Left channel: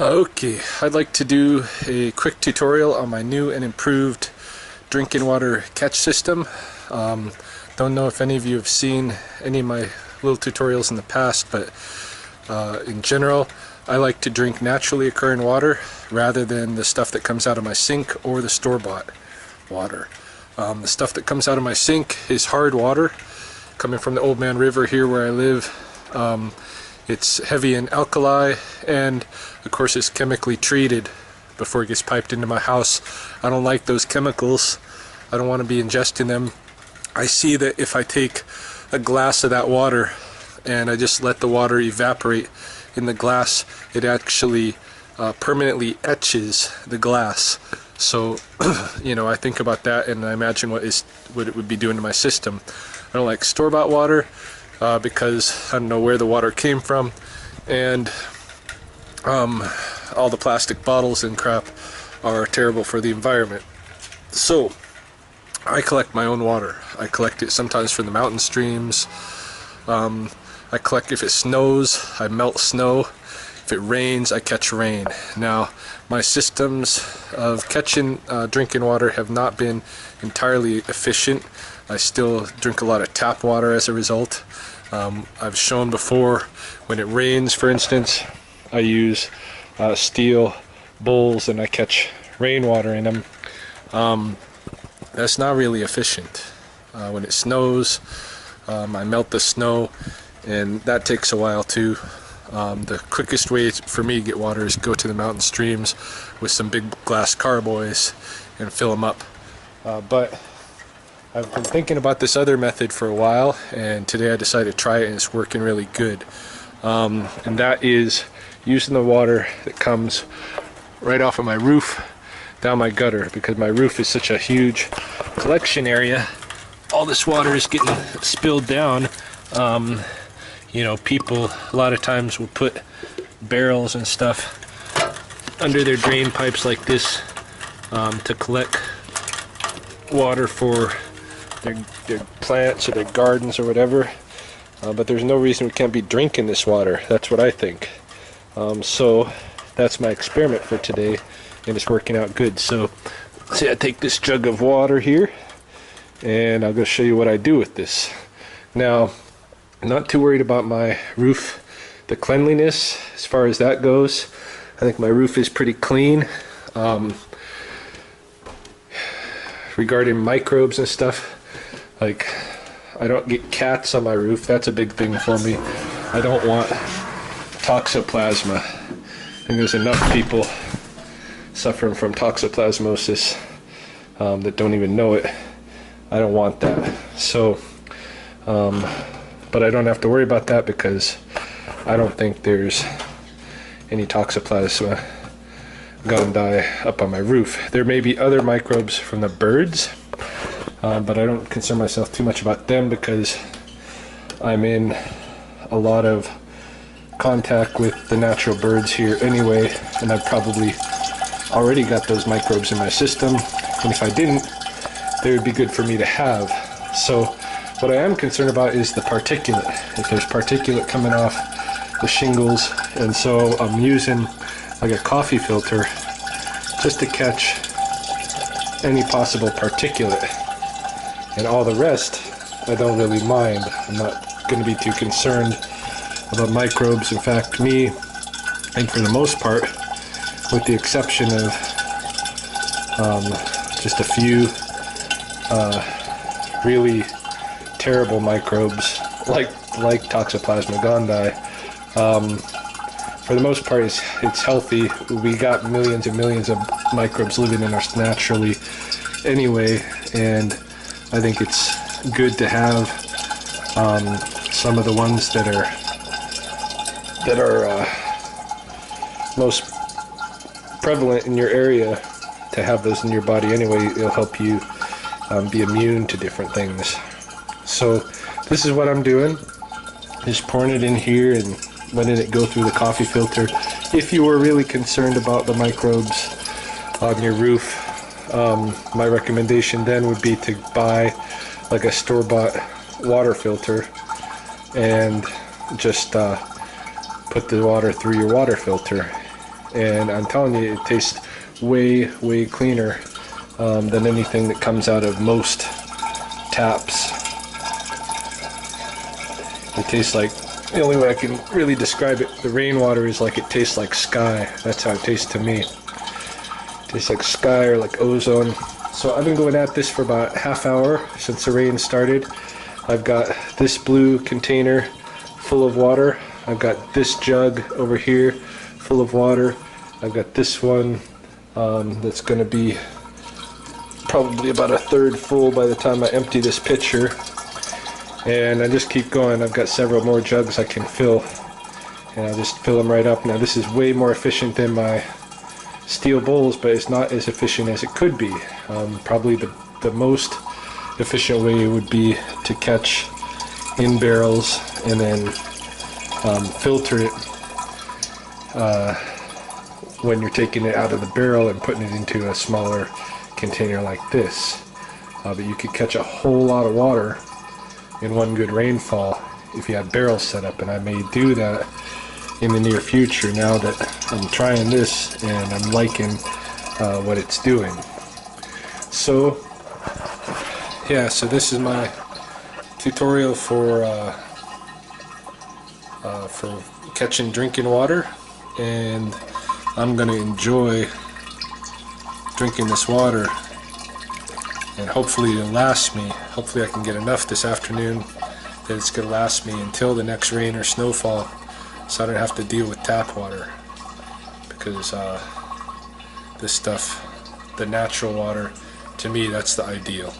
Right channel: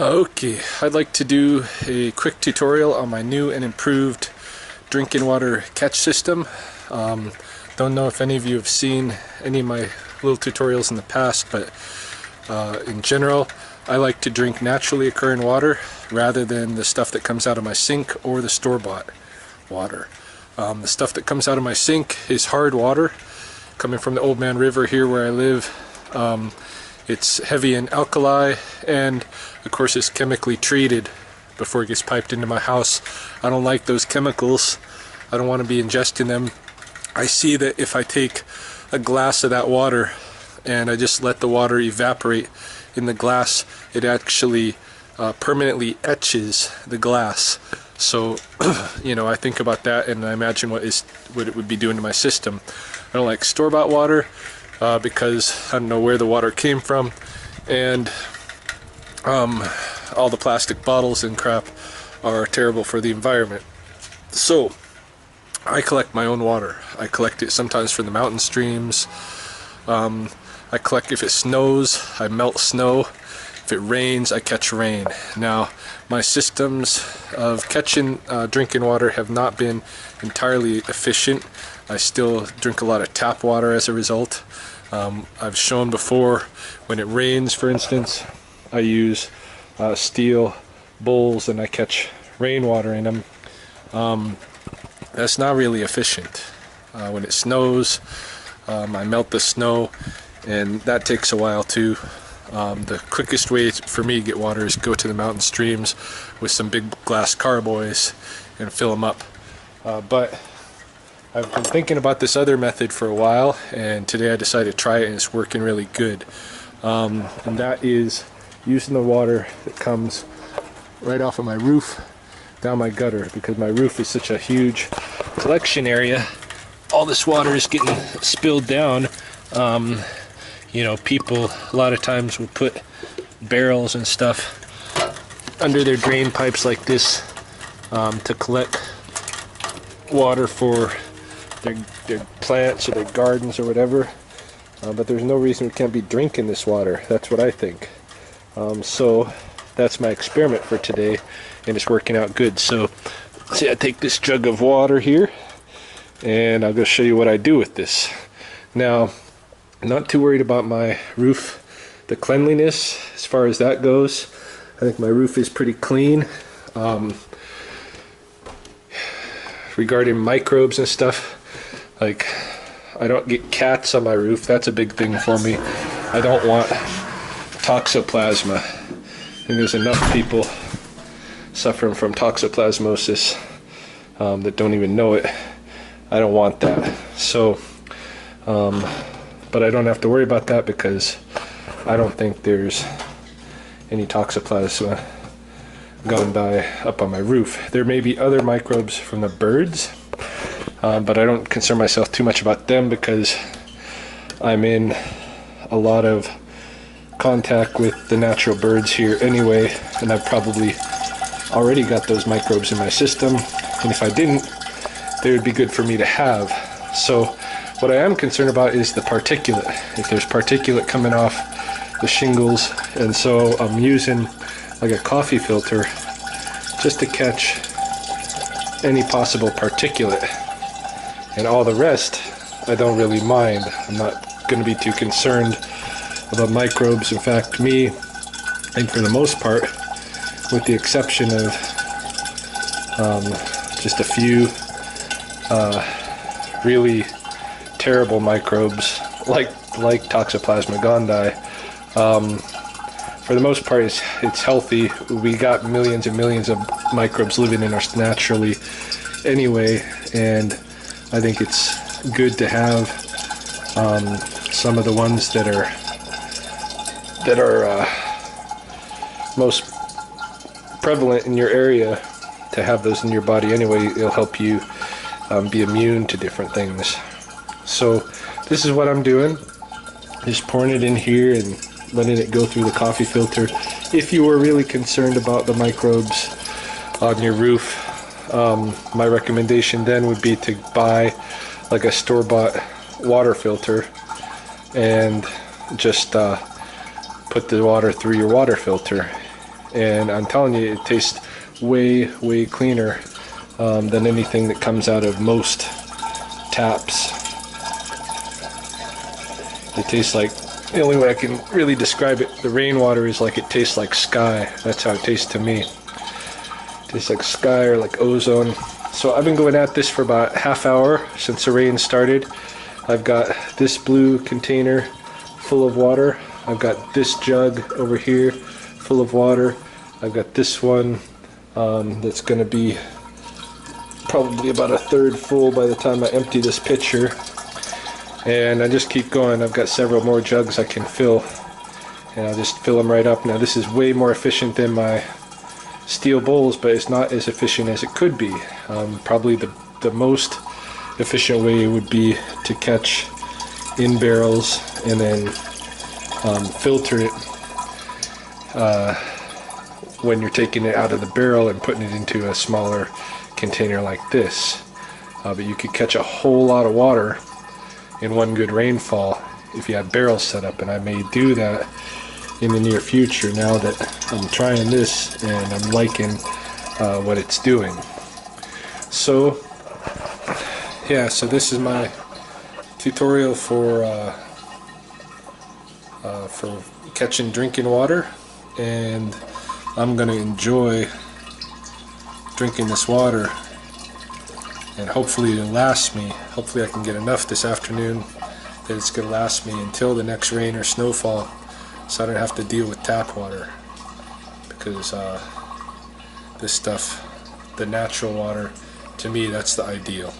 Okay, I'd like to do a quick tutorial on my new and improved drinking water catch system. Don't know if any of you have seen any of my little tutorials in the past, but in general, I like to drink naturally occurring water rather than the stuff that comes out of my sink or the store-bought water. The stuff that comes out of my sink is hard water coming from the Old Man River here where I live. It's heavy in alkali, and of course it's chemically treated before it gets piped into my house. I don't like those chemicals. I don't want to be ingesting them. I see that if I take a glass of that water and I just let the water evaporate in the glass, it actually permanently etches the glass. So I think about that and I imagine what it would be doing to my system. I don't like store-bought water because I don't know where the water came from, and all the plastic bottles and crap are terrible for the environment. So I collect my own water. I collect it sometimes from the mountain streams. I collect, if it snows, I melt snow. If it rains, I catch rain. Now, my systems of catching drinking water have not been entirely efficient. I still drink a lot of tap water as a result. I've shown before, when it rains, for instance, I use steel bowls and I catch rainwater in them. That's not really efficient. When it snows, I melt the snow, and that takes a while too. The quickest way for me to get water is go to the mountain streams with some big glass carboys and fill them up. But I've been thinking about this other method for a while, and today I decided to try it, and it's working really good. And that is using the water that comes right off of my roof down my gutter, because my roof is such a huge collection area. All this water is getting spilled down. People a lot of times will put barrels and stuff under their drain pipes like this to collect water for their plants or their gardens or whatever, but there's no reason we can't be drinking this water. That's what I think. So that's my experiment for today, and it's working out good. So see, I take this jug of water here and I'll go show you what I do with this. Now, I'm not too worried about my roof, the cleanliness as far as that goes. I think my roof is pretty clean. Regarding microbes and stuff, like, I don't get cats on my roof. That's a big thing for me. I don't want toxoplasma. I think there's enough people suffering from toxoplasmosis that don't even know it. I don't want that. So, but I don't have to worry about that because I don't think there's any toxoplasma gondii up on my roof. There may be other microbes from the birds, but I don't concern myself too much about them because I'm in a lot of contact with the natural birds here anyway, and I've probably already got those microbes in my system, and if I didn't, they would be good for me to have. So what I am concerned about is the particulate. If there's particulate coming off the shingles, and so I'm using like a coffee filter just to catch any possible particulate, and all the rest I don't really mind. I'm not going to be too concerned about microbes. In fact, me, and for the most part, with the exception of just a few really terrible microbes like Toxoplasma gondii, for the most part it's healthy. We got millions and millions of microbes living in us naturally anyway, and I think it's good to have some of the ones that are most prevalent in your area, to have those in your body anyway. It'll help you be immune to different things. So this is what I'm doing, just pouring it in here and letting it go through the coffee filter. If you were really concerned about the microbes on your roof, my recommendation then would be to buy like a store-bought water filter and just put the water through your water filter and I'm telling you, it tastes way cleaner than anything that comes out of most taps. It tastes like, the only way I can really describe it, the rainwater is like it tastes like sky. That's how it tastes to me. It tastes like sky or like ozone. So I've been going at this for about half hour since the rain started. I've got this blue container full of water. I've got this jug over here full of water. I've got this one that's going to be probably about a third full by the time I empty this pitcher. And I just keep going. I've got several more jugs I can fill, and I'll just fill them right up. Now this is way more efficient than my steel bowls, but it's not as efficient as it could be. Probably the most efficient way would be to catch in barrels and then filter it when you're taking it out of the barrel and putting it into a smaller container like this. But you could catch a whole lot of water in one good rainfall if you have barrels set up, and I may do that in the near future now that I'm trying this and I'm liking what it's doing. So yeah, so this is my tutorial for catching drinking water, and I'm gonna enjoy drinking this water, and hopefully it'll last me. Hopefully I can get enough this afternoon that it's gonna last me until the next rain or snowfall, so I don't have to deal with tap water, because this stuff, the natural water, to me that's the ideal.